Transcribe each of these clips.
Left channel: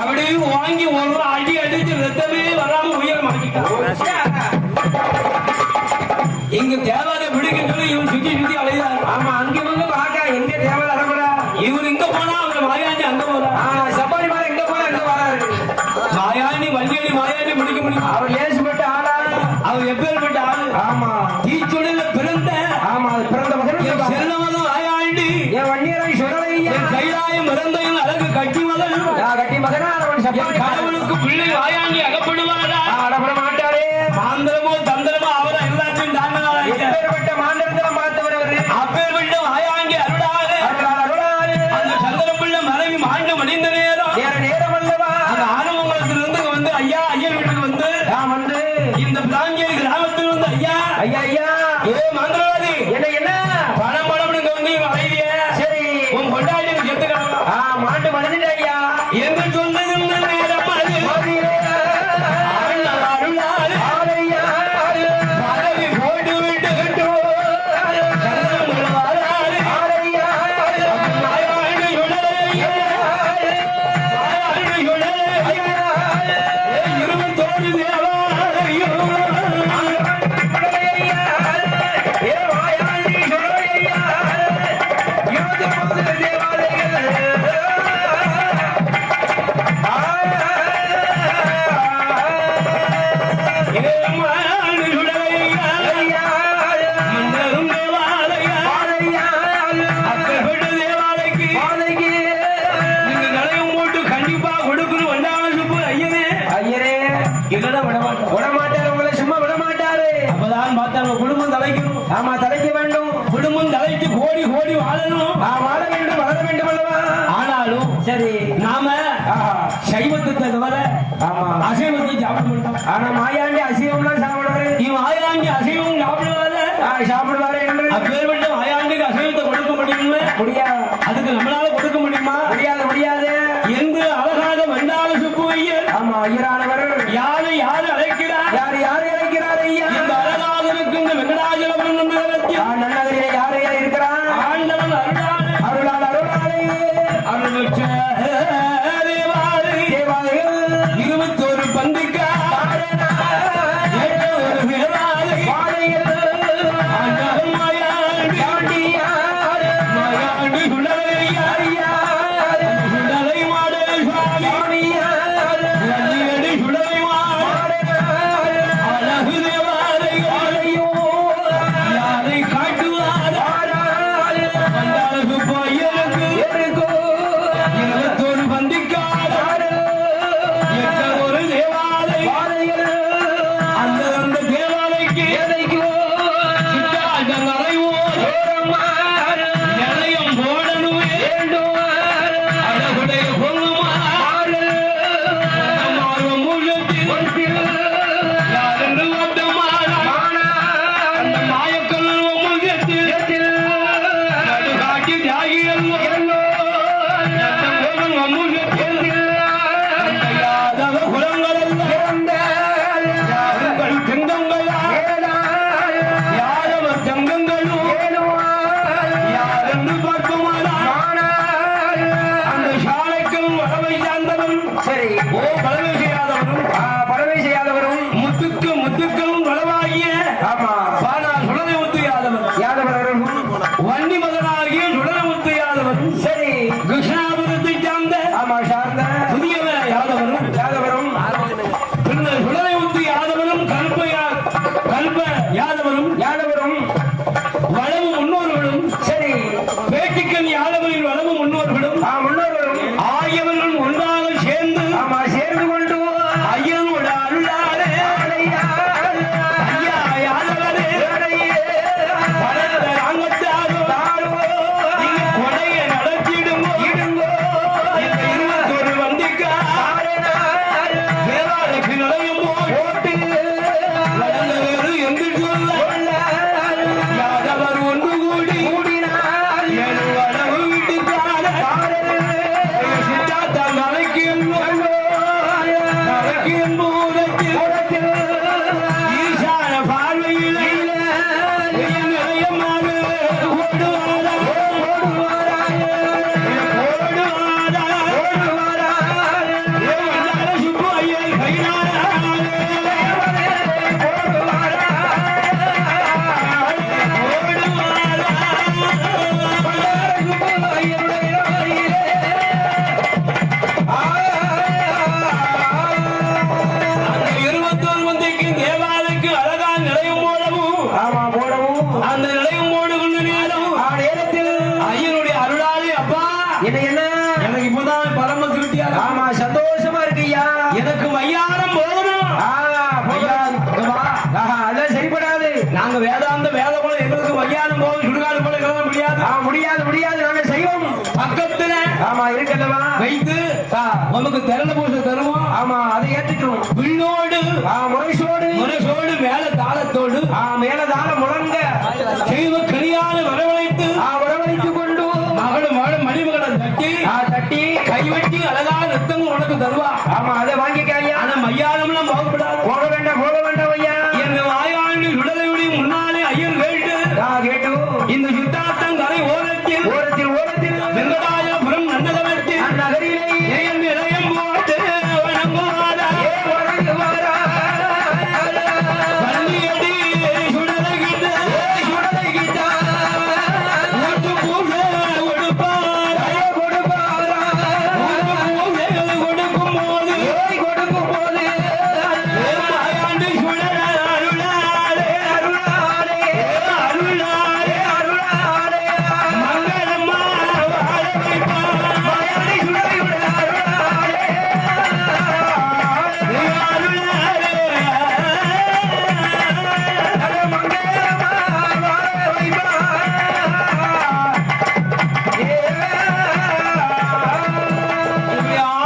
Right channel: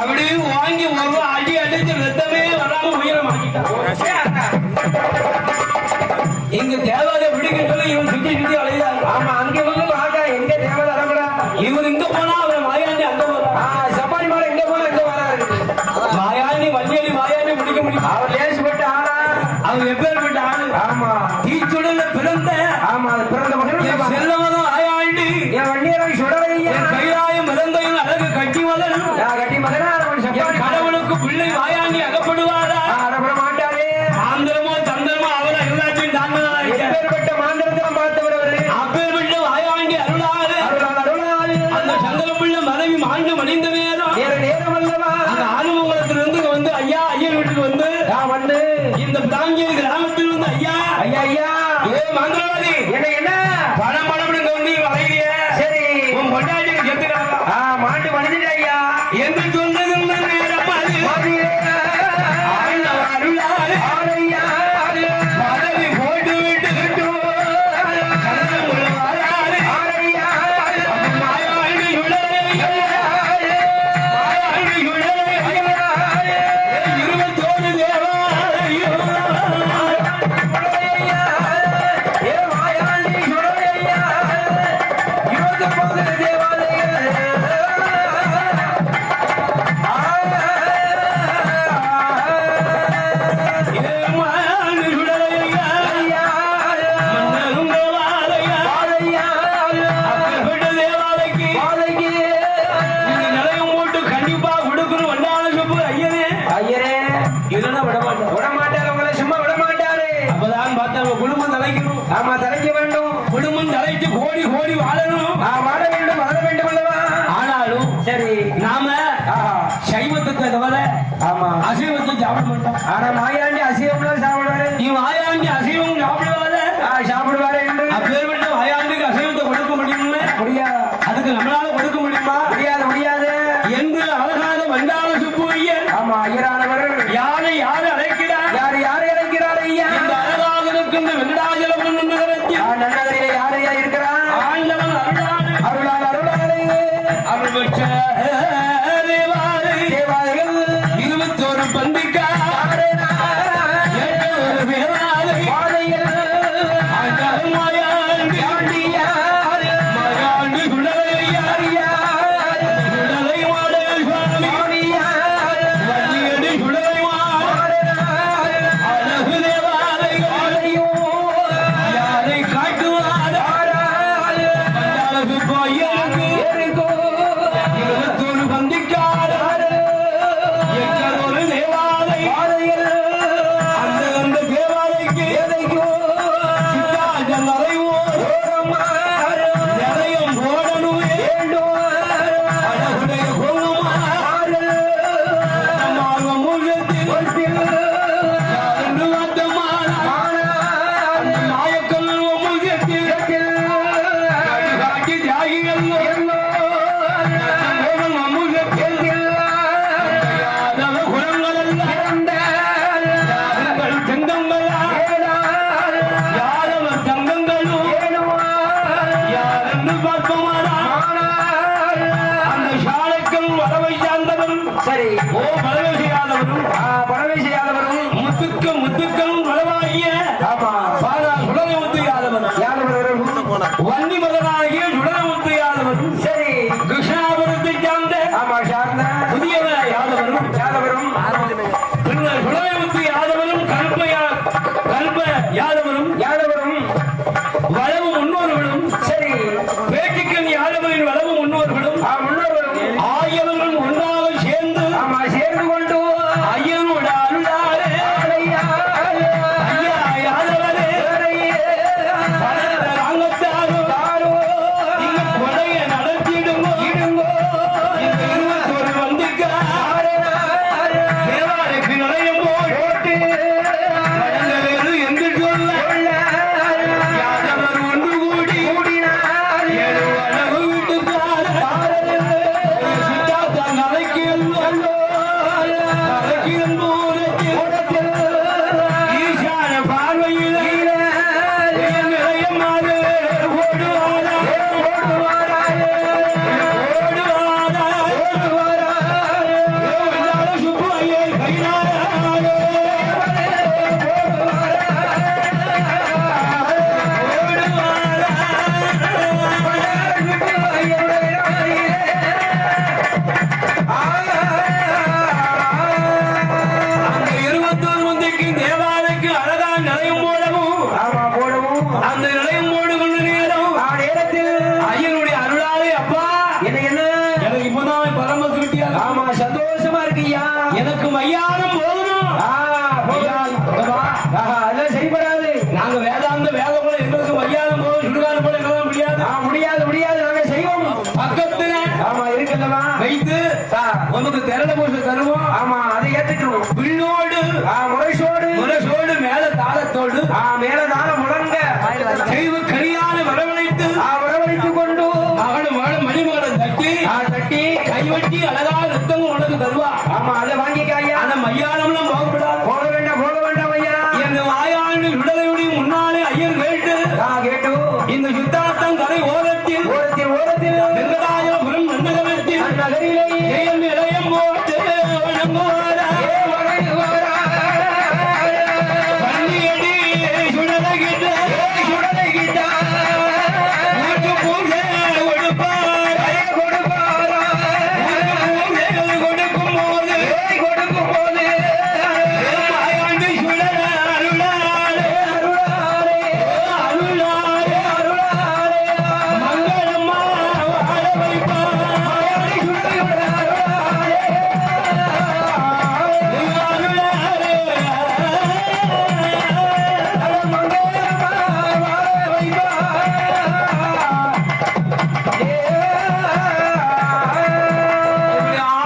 அப்படியே வாங்கி ஒரு அடி அடிச்சு ரத்தமே வராம உயிரை மாட்டிட்டான். இங்க தேவாத பிடிக்க சொல்லி இவன் சுத்தி சுத்தி அழைதாங்க. ஆமா, அங்க வந்து வாங்க, எங்க தேவாத அடங்கடா. இவர் இங்க போனா அவன் மாயாண்டி அங்க போறா. சப்பாரி மாற இங்க போனா எங்க வராரு. மாயாண்டி வண்டியடி மாயாண்டி பிடிக்க முடியும். அவர் லேசுப்பட்ட ஆளா, அவர் எப்பேற்பட்ட ஆளு. ஆமா, தீச்சுடல பிறந்த. ஆமா, பிறந்த மகன் செல்லவதான் ஆயாண்டி. என் வண்டியரை சுடலையா, கையாயும் மறந்தையும் அழகு கட்டி மகன் கட்டி மகனா. கடவுளுக்கு பிள்ளை ஆயாண்டி அகப்படுவாரா? அகப்பட மாட்டாரே. ஆந்திரமோ தந்திரமோ அவரை எல்லாத்தையும் தாங்கலாம். எப்பேற்பட்ட மாந்திரத்திலும் பார்த்தவர் அவரு. அப்பேற்பட்ட ஆயாண்டி அருளாறு அந்த சந்திர பிள்ளை மனைவி மாண்டு மணிந்த நேரம் நேரம் அல்லவா. அந்த ஆறுமங்கலத்திலிருந்து வந்து ஐயா ஐயன் வீட்டுக்கு வந்து இந்த பிராஞ்சேரி கிராமத்தில் வந்து ஐயா ஐயா ஐயா ஏ மந்திரவாதி என்ன பணம் பணம் கம்பி வரையிறிய. சரி, உன் கொண்டாடி செத்துக்கலாம். மாட்டு மனிதன் ஐயா என்று சொன்னது வன்னி மகனாகிய சுடரமுத்து யாதவரும் சரி கிருஷ்ணாபுரத்தை சார்ந்த புதிய யாதவரும் பின்னர் சுடரமுத்து யாதவரும் கல்ப யாதவரும் வளவு முன்னோர்களும் சரி பேட்டிக்கன் யாதவரின் வளவு முன்னோர்களும் ஆகியவர்களும் ஒன்றாக சேர்ந்து கொண்டு ஐயன் சந்தோஷமா இருக்கு ஐயா. எனக்கு மையானம் போகணும். அதெல்லாம் சரிபடாது. நாங்க வேதாந்த வேலை போல எங்களுக்கு மையானம் போகணும், சுடுகாடு போல எங்களுக்கு முடியாது. முடியாது முடியாது, நாங்க செய்வோம். பக்கத்துல இருக்கல்லவா வைத்து நமக்கு திறந்த பூசை தருவோம். ஆமா, அதை ஏத்துக்கிறோம். விண்ணோடு முரசோடு முரசோடு மேல தாளத்தோடு மேல தாளம் முழங்க தெய்வ கனியான வரவழைத்து வரவழைத்துக் கொண்டு மகளும் மணிமகளை தட்டி கைவட்டி அழகா ரத்தம் உனக்கு தருவா. ஆமா, அதை வாங்கிக்காயா. ஆனா மையானம்லாம் போகப்படாது. போக வேண்டாம் ஐயா. எங்க வாயாண்டு விடுதலையுடைய முன்னாலே ஐயன் கேட்டு இந்த சுத்தாத்தம் கரை ஓரத்தில் வெங்கடாயபுரம் நன்னகரத்தில் நகரிலே இளையம் போட்டு பள்ளியடி சுடலைகிட்ட ஊட்டு பூஜை கொடுப்பார். கொடுக்கும் போது வாயாண்டு சுடல அருளாலே மங்களம்மா வாழ வைப்பார்.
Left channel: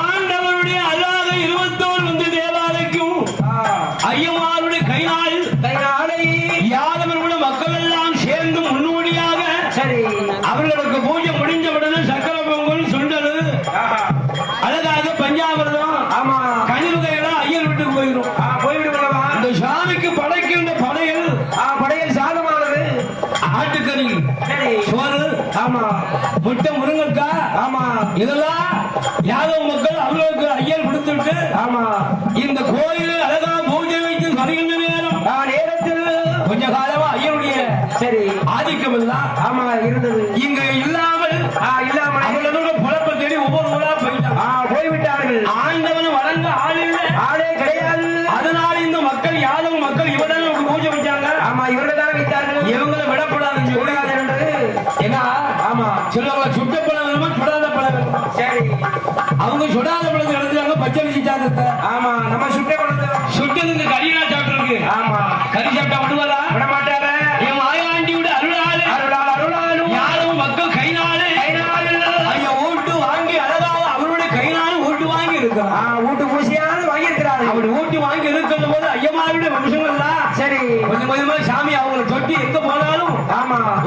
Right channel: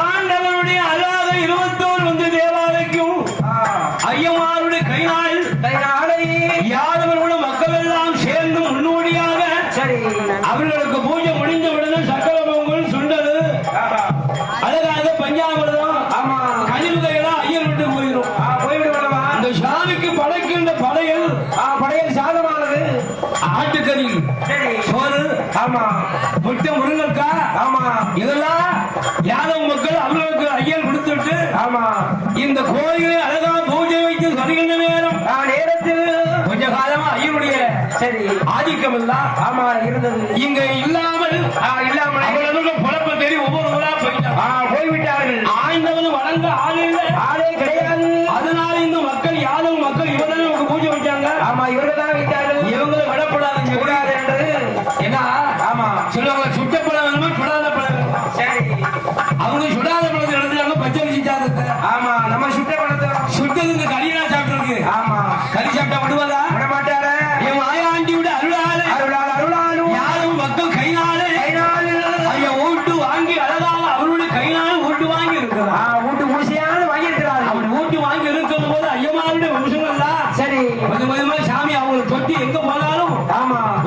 ஆண்டவனுடைய அழகாக 21 வந்து தேவாலயக்கும் ஐயமாருடைய கைநாள் யாதவர்களோட மக்கள் எல்லாம் சேர்ந்து முன்னோடியாக அவர்களுக்கு பூஜை முடிந்த உடனே சக்கர பொங்கல் சுண்டல் அழகாக பஞ்சாமிரதம் கனிவுகையெல்லாம் ஐயர் விட்டு போயிடும். இந்த சாமிக்கு படைக்கின்ற படையல் சாதமானது ஆட்டுக்கறி சோறு முட்டை முருங்கக்காய் இதெல்லாம் யாதவ மக்கள் அவர்களுக்கு ஐயர் கொடுத்துட்டு இந்த கோயில் அழகா பூஜை வைத்து சரிகின்ற நேரத்தில் கொஞ்ச காலமா ஐயருடைய ஆதிக்கம் எல்லாம் இருந்தது. இங்க இல்லாமல் அவர்களுடைய பொழப்ப தேடி ஒவ்வொரு ஊரா போய்விட்டார்கள். ஆண்டவன் வளர்ந்த ஆளே கிடையாது. அதனால இந்த மக்கள் யாதவ மக்கள் இவர்கள் ஒரு பூஜை வச்சாங்க. இவர்தான் விட்டார்கள். இவங்களை விடப்படாது என்றது. ஏன்னா சொல்லுவாங்க சுட்ட பழம் வேணுமா சுடாத பழம் வேணுமா. அவங்க சுடாத பழத்தை எடுத்துட்டாங்க, பச்சரிசி சாதத்தை. நம்ம சுட்ட பழத்தை சுட்டது இந்த கறியா சாப்பிட்டு கறி சாப்பிட்டா விடுவாரா? விடமாட்டாரா? என் மாயாண்டியோட அருளாளு யாதவ மக்கள் கைநாளு ஐயா ஓட்டு வாங்கி அழகாக அவருடைய கைநாளு ஓட்டு வாங்கி இருக்கிறார். வீட்டு பூசியானது வாங்கியிருக்கிறார். அப்படி ஓட்டு வாங்கி இருக்கிற போது ஐயமாருடைய வம்சங்கள் தான் கொஞ்சம் கொஞ்சமா சாமி அவங்களை தொட்டி எங்க போனாலும்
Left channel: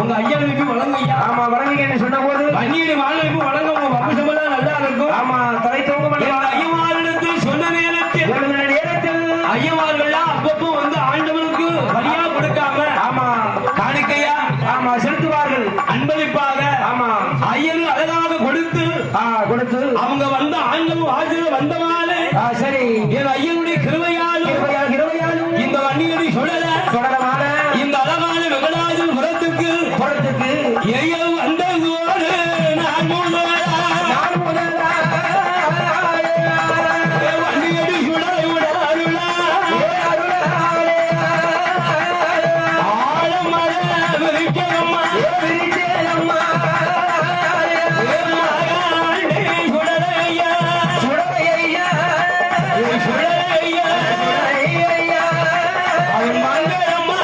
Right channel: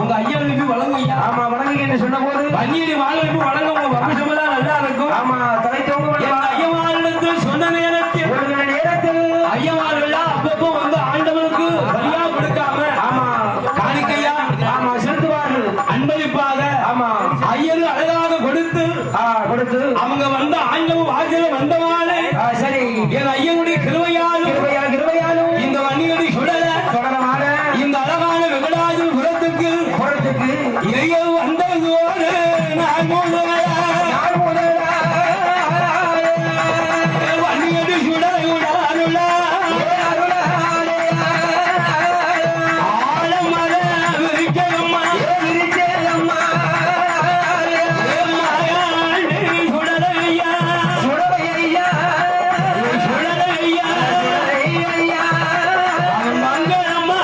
உங்க ஐயனுக்கு வழங்கு ஐயா. வணங்குங்கன்னு சொன்ன போது பன்னீர் வாழ்வுக்கு வழங்க உங்க வம்சமெல்லாம் நல்லா இருக்கும். என் ஐயமாரிடத்தில் சொன்ன நேரத்தில் ஐயமார்கள் அப்பப்போ வந்து ஆண்டவனுக்கு வழியா கொடுக்காம காணிக்கையா செலுத்துவார்கள். அன்பளிப்பாக ஐயரு அழகாக கொடுத்து அவங்க வந்த ஆண்டவன் வாசல வந்தவாறு என் ஐயனுடைய கிருபையாலும் இந்த வண்டியடி சுடல இந்த அழகான வெங்கடாஜு புறத்துக்கு ஐயர் வந்ததோடு நான் வண்டியடி சுடலை உடலுள்ள ஆழமழ விரிக்கம்மா சுடலையா மங்களம்மா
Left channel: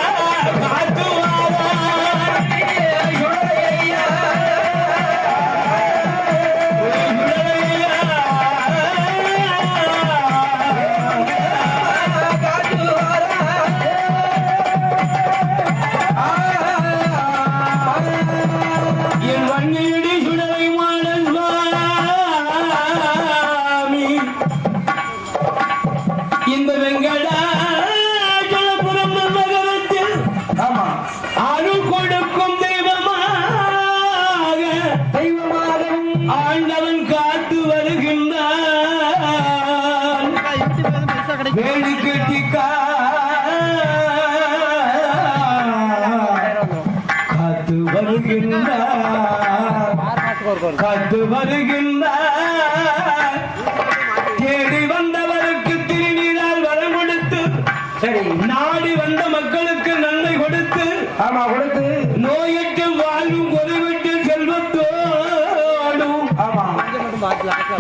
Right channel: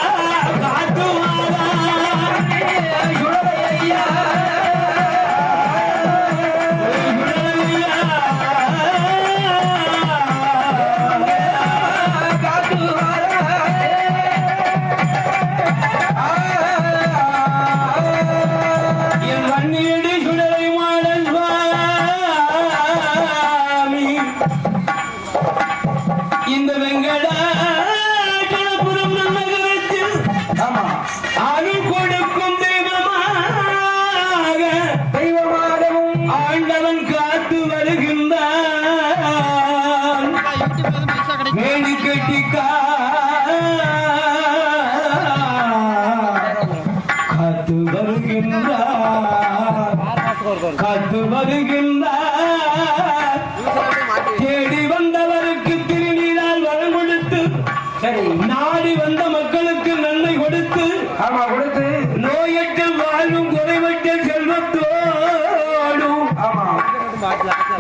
என் வன்னியடி சுடலை மாடன் சுவாமி இந்த வெங்கடாச்சலபுரம் நகரத்தில் அருள் கொடுக்கும் தெய்வமாகவும் ஆண்டவன் காத்து வருகின்றான். வேண்டி கட்டி காத்து வருகின்றார் தேடி வந்தவருக்கு திருநீரால் வரம் கொடுத்து நாடி வந்த மக்களுக்கு நன்மை கொடுத்து நோயற்ற வாழும் குறைவற்ற செல்வத்தோடும்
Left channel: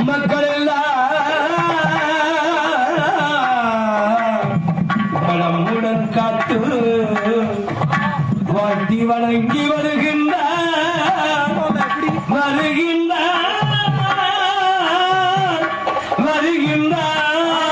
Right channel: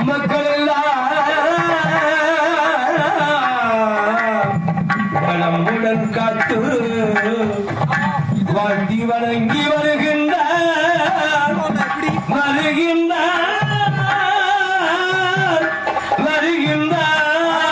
மக்கள் எல்லாம் காத்து வாட்டி வணங்கி வருகின்றார் வருகின்றார் வருகின்றார்